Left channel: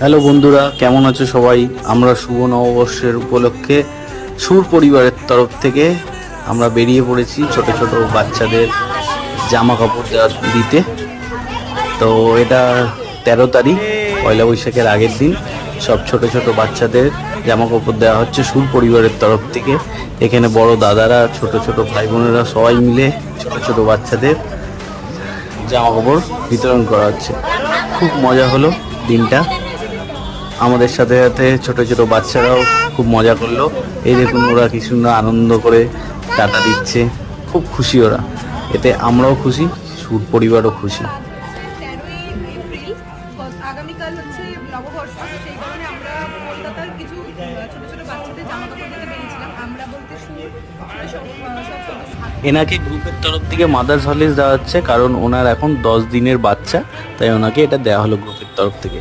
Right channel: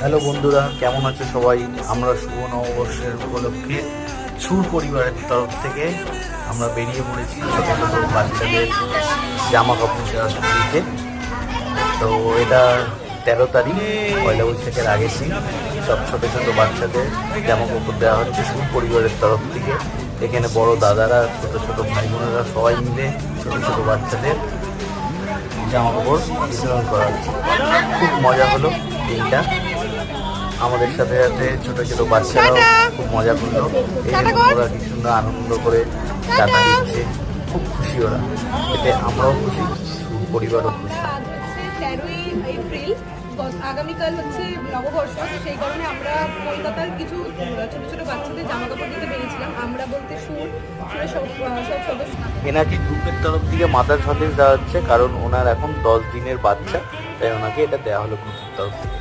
Hello বন্ধুরা, কেমন আছো সবাই? আমরা শুভ নববর্ষের উপলক্ষে সুর পরিবারের তরফ থেকে আমরা বেরিয়ে পড়েছি ছোট ছোট বাচ্চাদের জামা কাপড় দিতে। তো এটা 13 তারিখ, পয়লা বৈশাখের আগের দিন সব ছোট ছোট বাচ্চাদের জামা কাপড় দেওয়া হচ্ছে সুর পরিবারের তরফ থেকে। এখানে বড় দাদারা, ছোট ছোট ভাই বোনেরা সবাই মিলে ছোট ছোট বাচ্চাদের জামা কাপড় বিতরণ করা হচ্ছে। খুব মজা হলো দিনটা, আমাদের সাথে সাথে ছোট ছোট বাচ্চারা খুব মজা করলো। এই যে ওরা কি সুন্দর আনন্দ করে টাকা দিচ্ছে, খুব খুশি ওরা। এতে আমরাও খুশি, সুর পরিবারও খুশি। 13ই এপ্রিল আগামীকাল হচ্ছে নববর্ষ, সেই কারণে আমরা কলকাতার কিছু ছোট ছোট বাচ্চাদের জামা কাপড় দিতে বেরিয়েছিলাম। আমরা বলতে সুর সব সদস্য। এনাকে গ্রুপের তরফ থেকে মাদার্স হলিডেজ দেওয়া হচ্ছে, কারণ ওনার এখন 10 দিনের বাচ্চা, তাই ওনাকে এটা দেওয়া হলো গ্রুপের তরফ থেকে।